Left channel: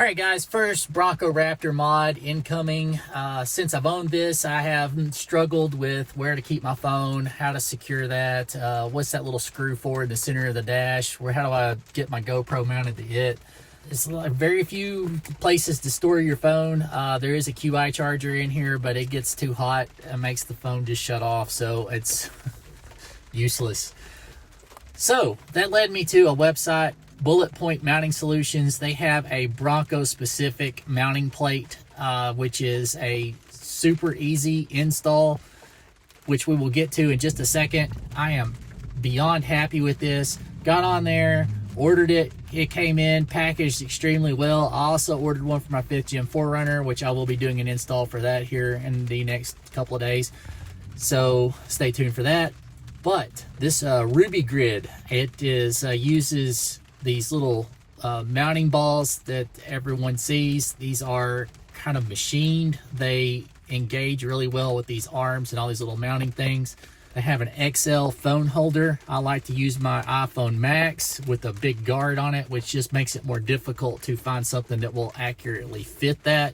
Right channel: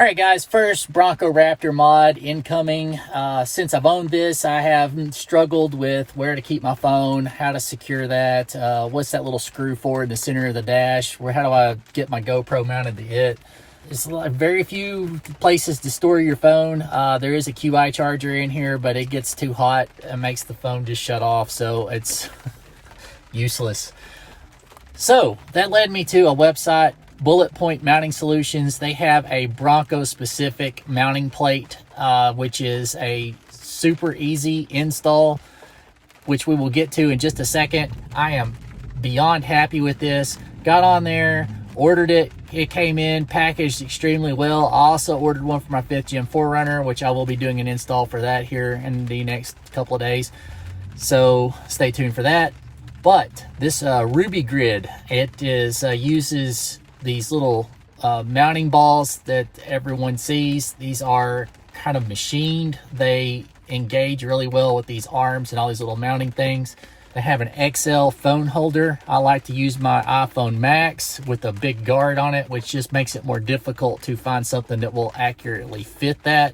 All right, guys, first Bronco Raptor mod incoming. Since I've owned this, I have struggled with where to keep my phone, how to secure that, what's that little screw for in the center of the dash, how do I get my GoPro mounted to it. There's like very few places to store your phone. There is a QI charger in here, but it gets too hot and makes the phone just shut off, so it's useless. So that led me to a website, Bullet Point Mounting Solutions. They have a Bronco specific mounting plate, which is a super easy install, which we will get to in just a second. I am beyond happy with this. Got on there, ordered it. It came in packaged extremely well. I also ordered one for my 5th Gen 4Runner, which I will be doing an install for that here in the next couple of days. So stay tuned for that. But this RubiGrid, it is uses these little mounting balls that everyone sees. These are kind of machined. They engage really well with these arms and all these little mounting things. They have an XL phone holder. I like to use my iPhone Max with a big guard on it, which just makes it more difficult to find something that will accurately fit that.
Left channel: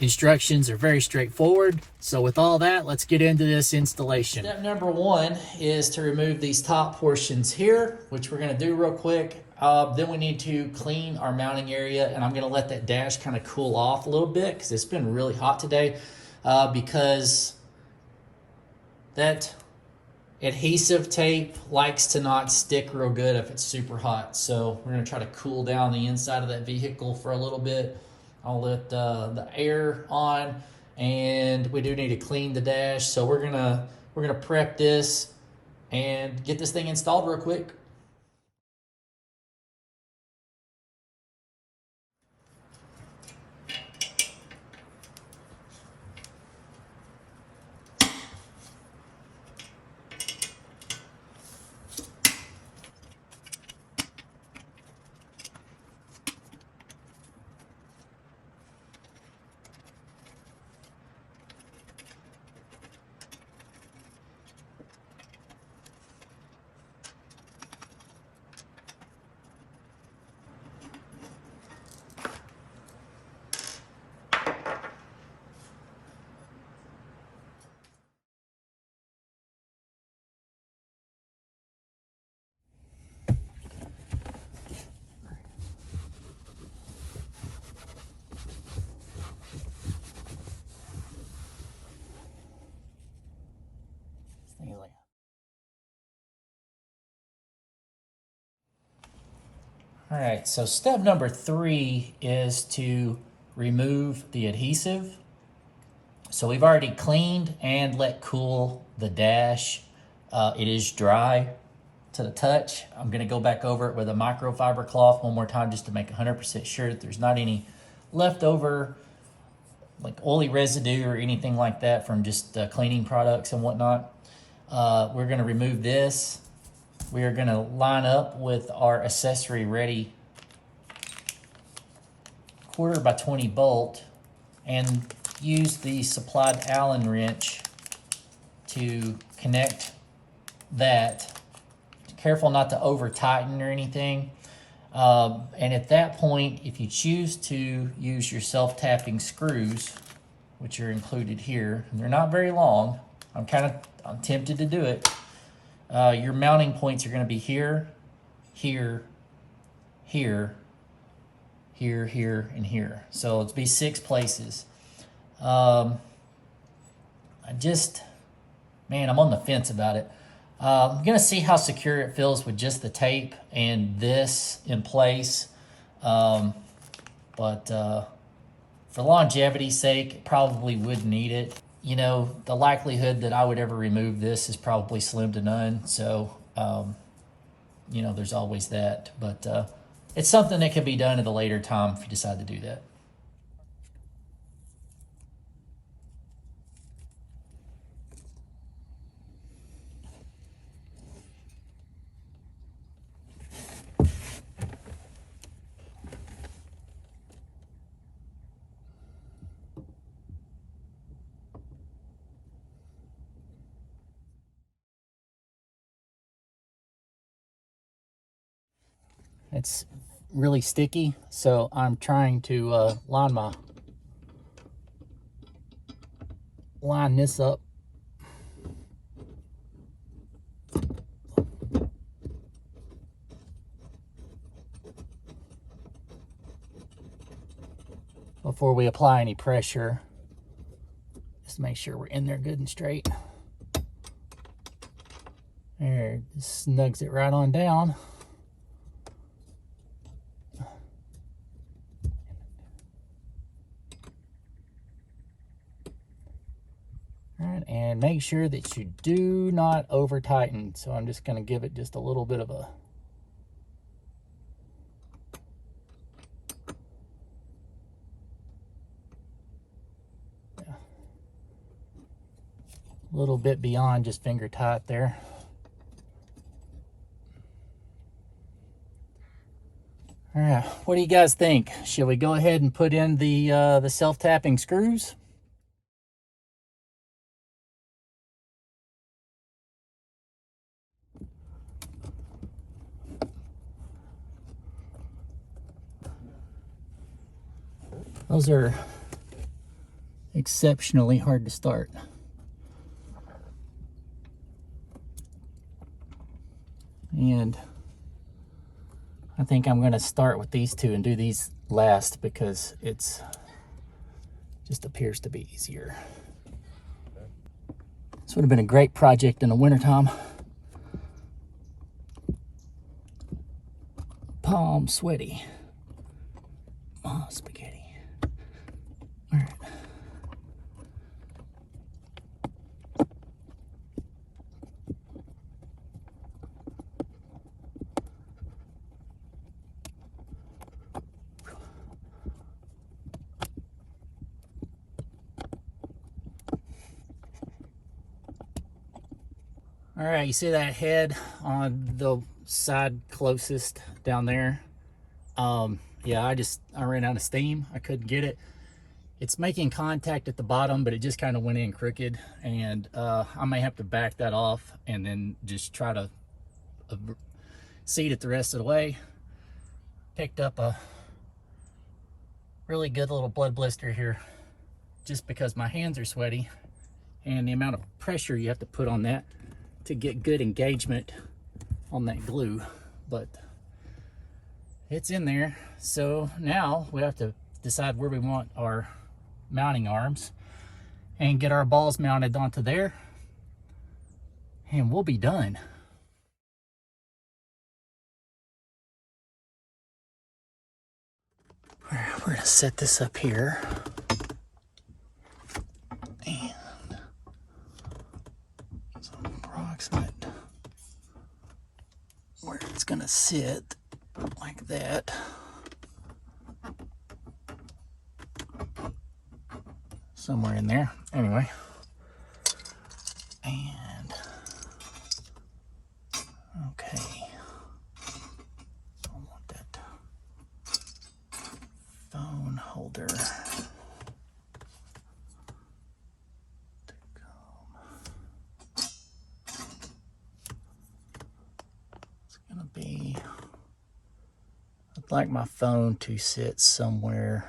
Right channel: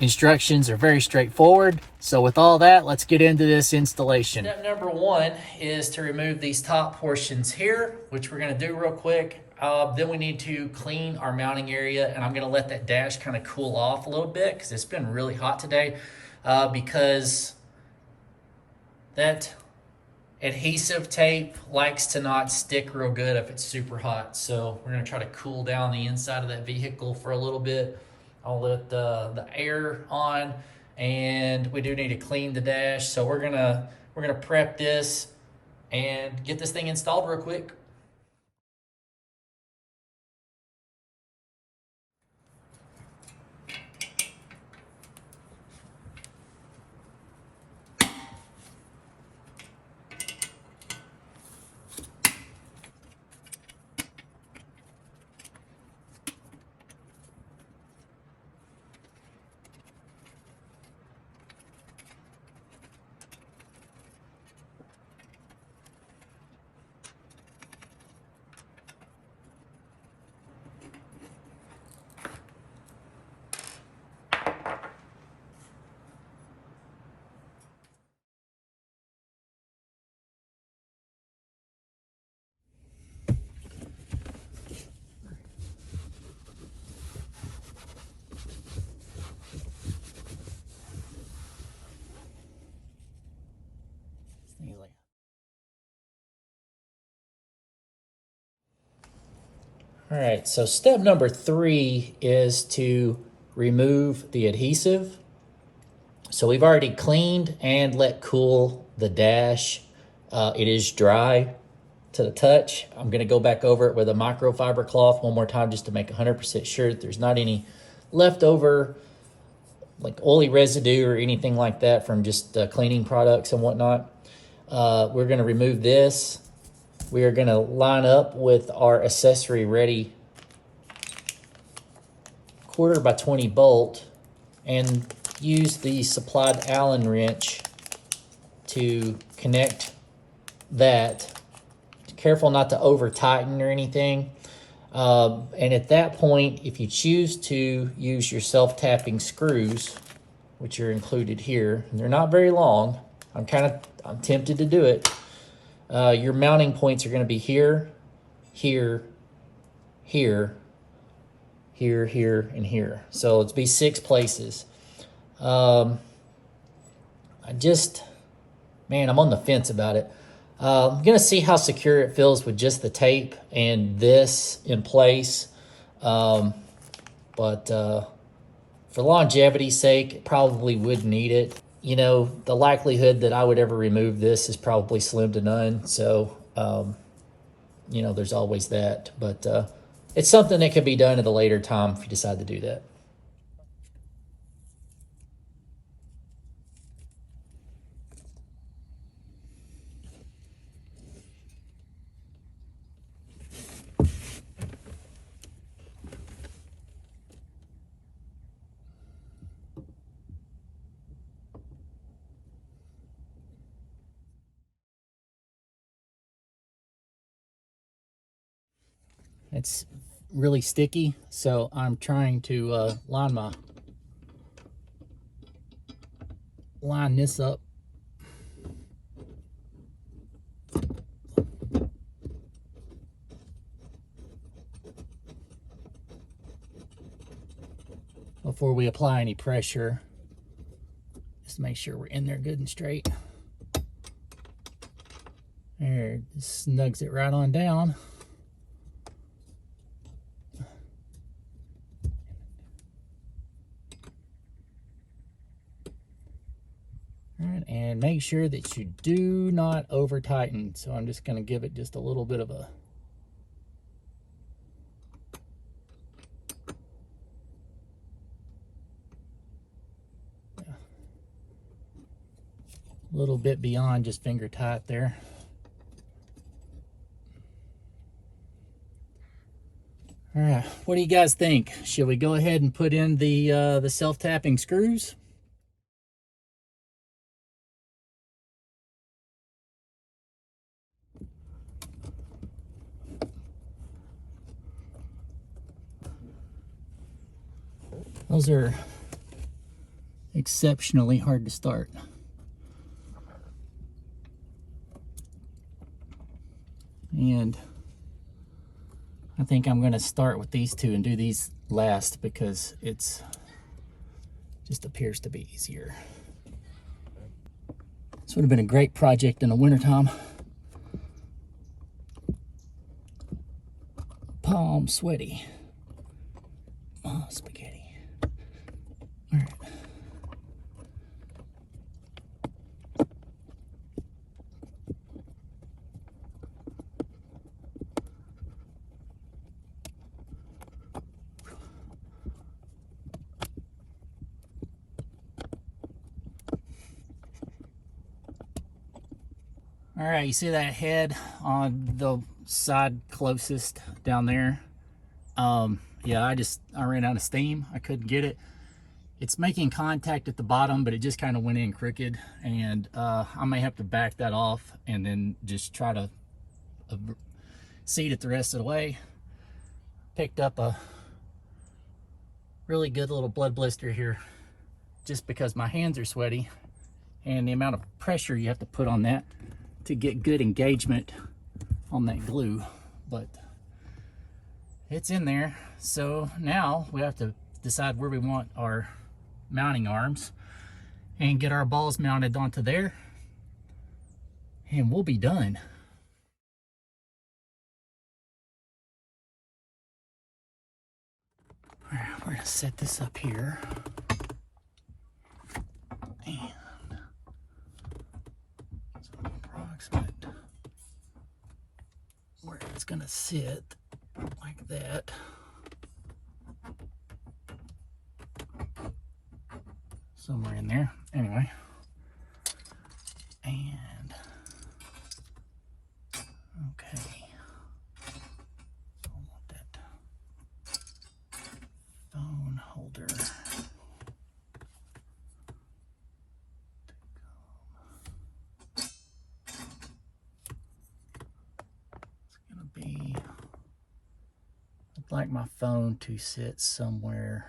Instructions are very straightforward. So with all that, let's get into this installation. Step number one is to remove these top portions here, which we're going to do real quick. Then we need to clean our mounting area, and I'm going to let that dash kind of cool off a little bit because it's been really hot today, because that adhesive tape likes to not stick real good if it's super hot. So we're going to try to cool down the inside of that vehicle for a little bit. I'll let the air on, and we do need to clean the dash. So we're gonna prep this and get this thing installed real quick. All right, so step number 3 is to remove the adhesive. So we've already cleaned and let cool the dash. It is dry to the touch. I'm gonna go back over it with a microfiber cloth one more time just to make 100% sure that there's not any leftover like oily residue or anything like that from just cleaning products and whatnot. We're gonna remove this. We are gonna line up with our accessory ready 1/4 by 20 bolt and use the supplied Allen wrench to connect that. Careful not to over tighten or anything. And at that point, if you choose to use your self-tapping screws, which are included here, and they're not very long, I'm tempted to do it. Your mounting points are going to be here, here, here, here, here, and here. So it's be 6 places. I'm on the fence about it. I'm going to see how secure it feels with just the tape and this in place. But for longevity's sake, it probably would need it. You know, the likelihood that I would ever remove this is probably slim to none. So, you know, there's always that. But it's something that can be done at a later time if you decide to do that. It's really sticky, so I'm trying to line this up. Before we apply any pressure, just make sure we're in there good and straight. There, just snugs it right on down. All right, and make sure that you do not over tighten. So I'm just going to give it just a little bit of a little bit beyond just finger tight there. All right, what do you guys think? Should we go ahead and put in the self-tapping screws? Those are exceptionally hard to start. And I think I'm going to start with these two and do these last because it's just appears to be easier. This would have been a great project in the wintertime. Palm sweaty. Oh, spaghetti. All right. All right, you see that head on the side closest down there? Yeah, I ran out of steam. I couldn't get it. It's making contact at the bottom, but it just kind of went in crooked, and I may have to back that off and then just try to seat it the rest of the way. Picked up a really good little blood blister here just because my hands are sweaty, and the amount of pressure you have to put on that to get good engagement on that glue, but it's in there. So now we have to decide where we want our mounting arms and get our balls mounted onto there, and we'll be done. All right, we're gonna set this up here. And some approximate where it's gonna sit like that. Somewhere in there. Anyway. And okay. I want that phone holder to come. It's gonna be, I'd like my phone to sit somewhere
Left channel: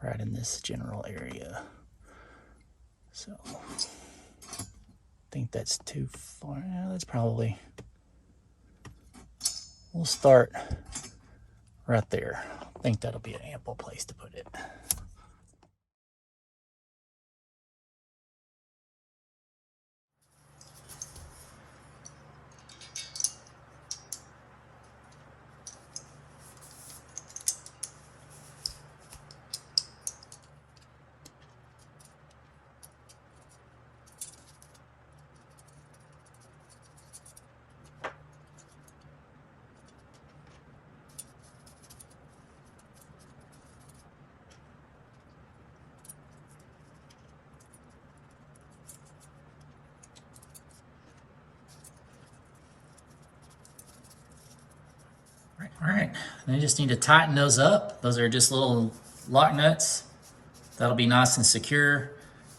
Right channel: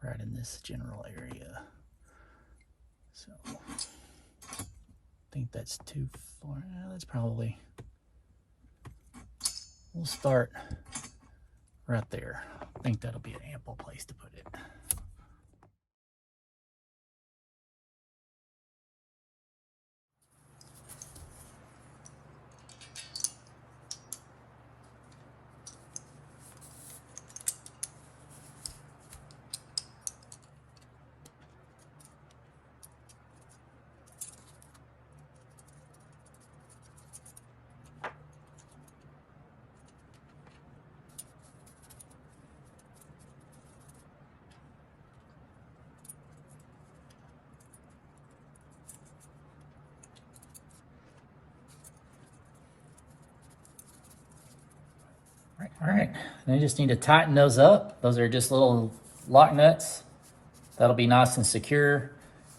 right in this general area. So I think that's too far. That's probably, we'll start right there. I think that'll be an ample place to put it. All right, and I just need to tighten those up. Those are just little lock nuts. That'll be nice and secure.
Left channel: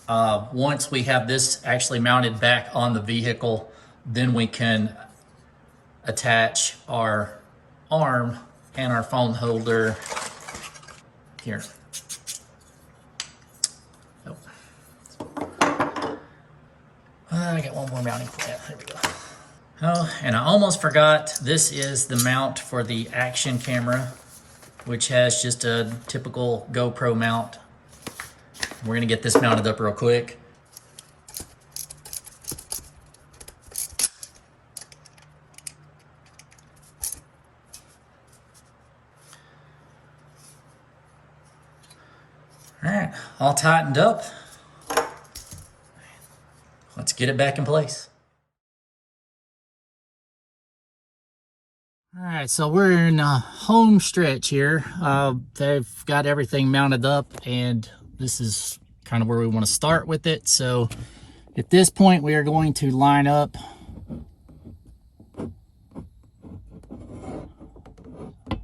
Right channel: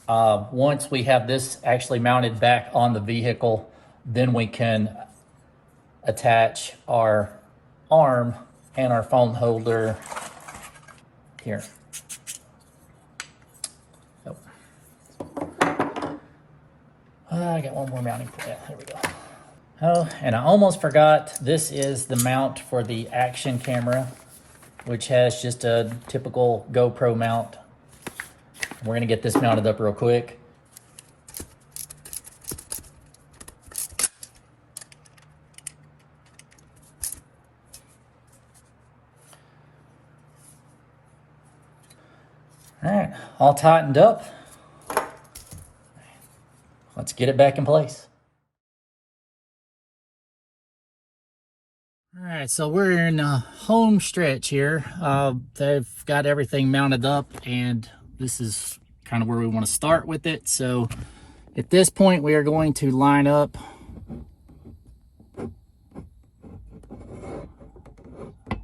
Once we have this actually mounted back on the vehicle, then we can attach our arm and our phone holder here. Oh. I got one more mounting point. Yeah, there we go. Oh, and I almost forgot, this is the mount for the action camera, which has just a typical GoPro mount. We're gonna get this mounted up real quick. All right, all tightened up. Let's get it back in place. All right, so we're in a home stretch here. They've got everything mounted up, and this is kind of where we want to start with it. So at this point, we are going to line up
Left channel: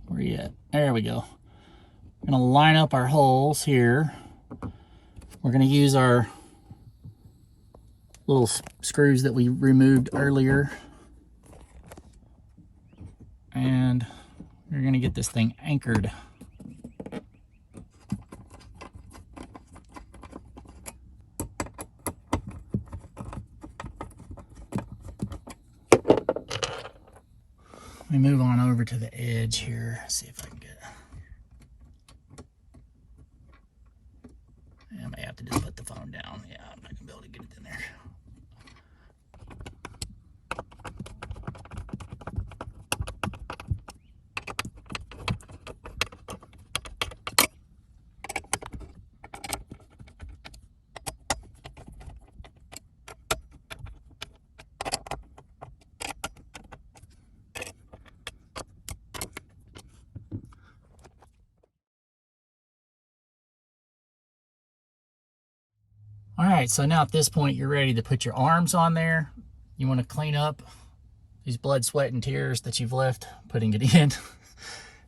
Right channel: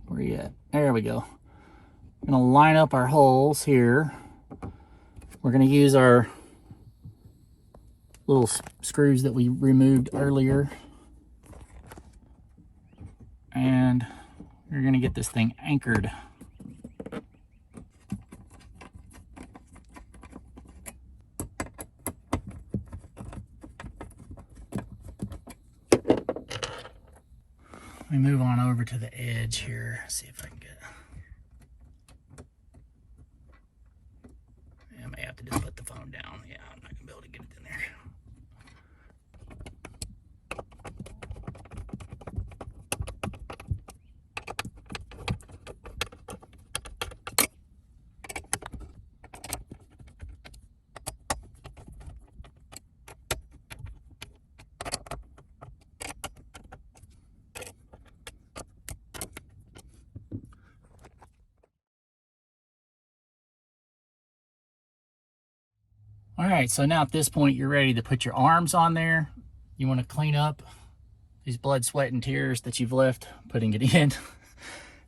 where you at? There we go. We're going to line up our holes here. We're going to use our little screws that we removed earlier. And we're going to get this thing anchored. Let me move on over to the edge here, see if I can get it. I may have to just put the phone down. Yeah, I'm not going to be able to get it in there. All right, so now at this point, you're ready to put your arms on there. You want to clean up these blood, sweat, and tears that you've left putting it in.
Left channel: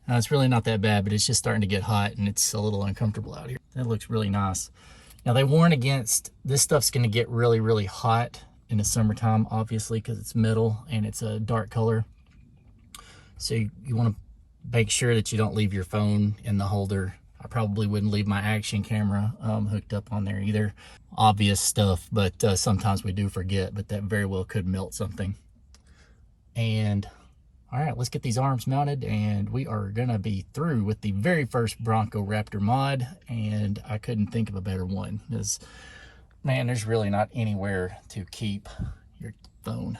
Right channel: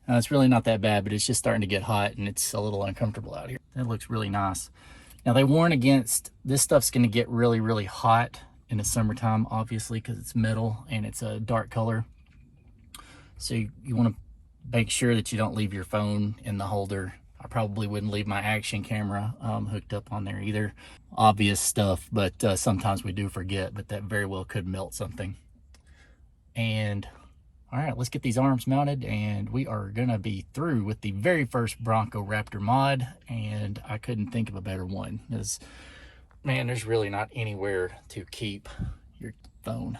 It's really not that bad, but it's just starting to get hot and it's a little uncomfortable out here. That looks really nice. Now they warn against, this stuff's gonna get really, really hot in the summertime, obviously, because it's metal and it's a dark color. So you wanna make sure that you don't leave your phone in the holder. I probably wouldn't leave my action camera hooked up on there either. Obvious stuff, but sometimes we do forget, but that very well could melt something. And all right, let's get these arms mounted and we are gonna be through with the very first Bronco Raptor mod, and I couldn't think of a better one because, man, there's really not anywhere to keep your phone.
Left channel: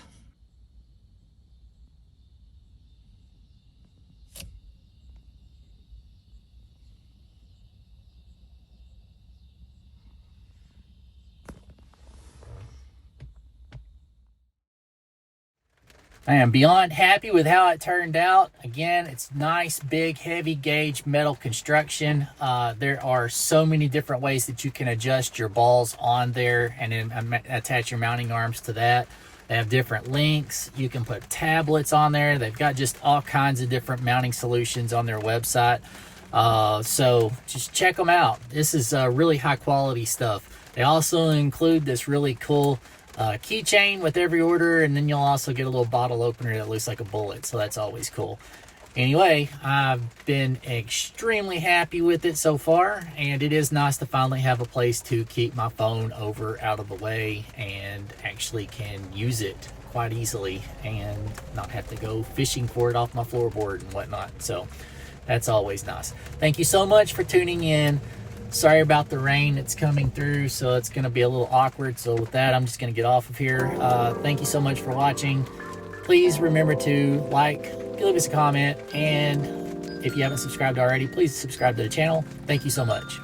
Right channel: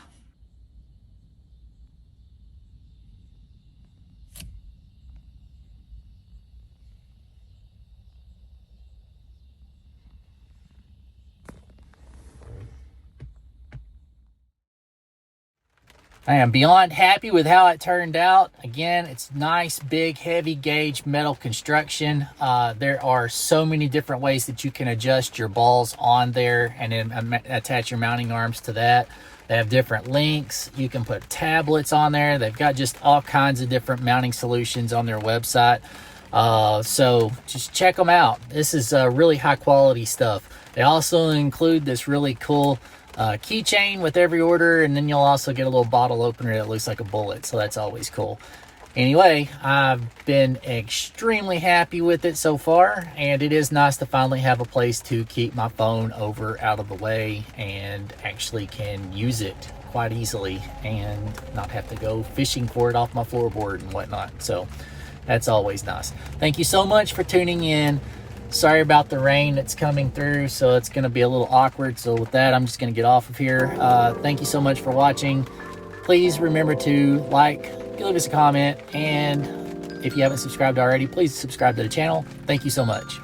I am beyond happy with how it turned out. Again, it's nice, big, heavy gauge metal construction. There are so many different ways that you can adjust your balls on there and then attach your mounting arms to that. They have different links. You can put tablets on there. They've got just all kinds of different mounting solutions on their website. So just check them out. This is really high quality stuff. They also include this really cool keychain with every order, and then you'll also get a little bottle opener that looks like a bullet, so that's always cool. Anyway, I've been extremely happy with it so far, and it is nice to finally have a place to keep my phone over out of the way and actually can use it quite easily and not have to go fishing for it off my floorboard and whatnot. So that's always nice. Thank you so much for tuning in. Sorry about the rain that's coming through, so it's going to be a little awkward. So with that, I'm just going to get off of here. Thank you so much for watching. Please remember to like, leave us a comment, and if you haven't subscribed already, please subscribe to the channel. Thank you so much.